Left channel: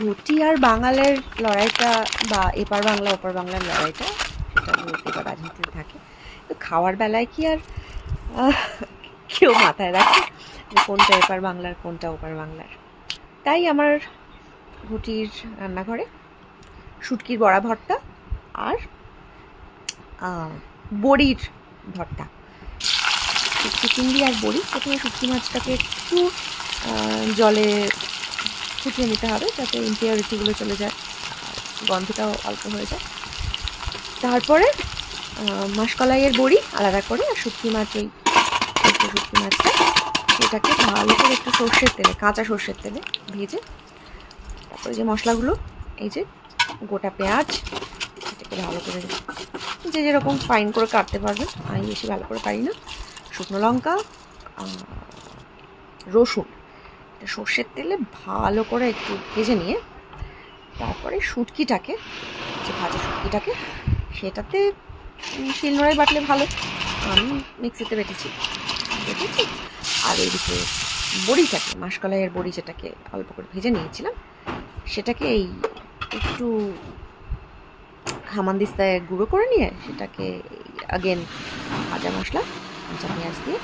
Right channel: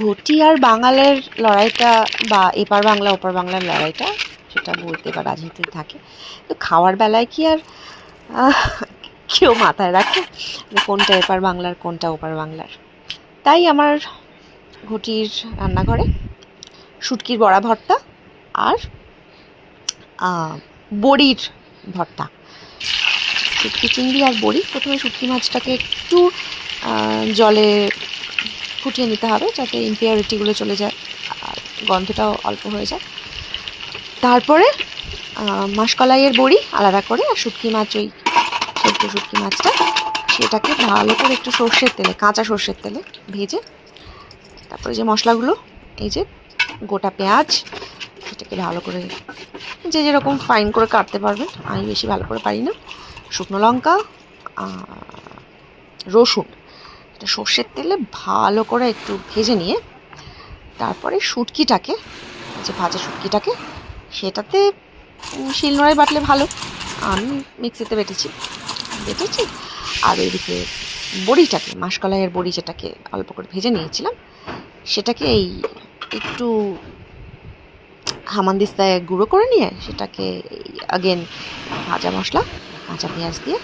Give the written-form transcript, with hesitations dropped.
ঘটি আর বাঙালের লড়াইটা বা এপার বাংলা ওপার বাংলার লড়াইটা সেটা বলতে বা রাজনীতি থাকে। তো খাওয়ার বেলায় কি আর কেউ মাথায় রাখে কোনটা এপার বাংলার কোনটা ওপার বাংলার? তাই আমার ঘটির রান্নাঘরে শুটকির বড়া ভর্তা আর বড়ির ভর্তা। শুটকি চিংড়ি আর বড়ি। প্রথমে শুটকি মাছটাকে একটু জলে ফুটিয়ে নিতে হবে যাতে ইম্পিউরিটিগুলো চলে যায় আর গন্ধটাও অল্প হয়ে যায়। তারপরে মাসকলাইয়ের বড়ি আলাদা করে আর শুটকি মাছ, ওই সেদ্ধ শুটকি মাছটা, সেটাকে ভালো করে একটু সর্ষের তেলে, কাঁচা সর্ষের তেলে ভেজে, তারপরে যে মশলাগুলো, এই যে গোটা পেঁয়াজ, এটাকে ভালো করে যে যেরকম ফাইন করে কাটতে পারবেন, আমি বেশি ভালো করে পারি না, শুকনো লঙ্কা, রসুন, এটা সর্ষের তেলে ভালো করে একটু ভেজে নিয়ে তারপরে শুটকিটাকে, যে ভাজা শুটকিটাকে, সেটাতে শিলনোড়ায় বাটলে ভালো, আমি মিক্সিতে বেটেছি। আর ওইদিকে বড়িটাকে, মাসকলাইয়ের বড়ি যেটাকে অল্প করে ভেজে নিয়েছিলাম, সেটাকে এই একটু হামানদিস্তায় গুঁড়ো করে নিয়ে সেটাকে আগেন ভাজা মশলা, কাঁচা পেঁয়াজ দিয়ে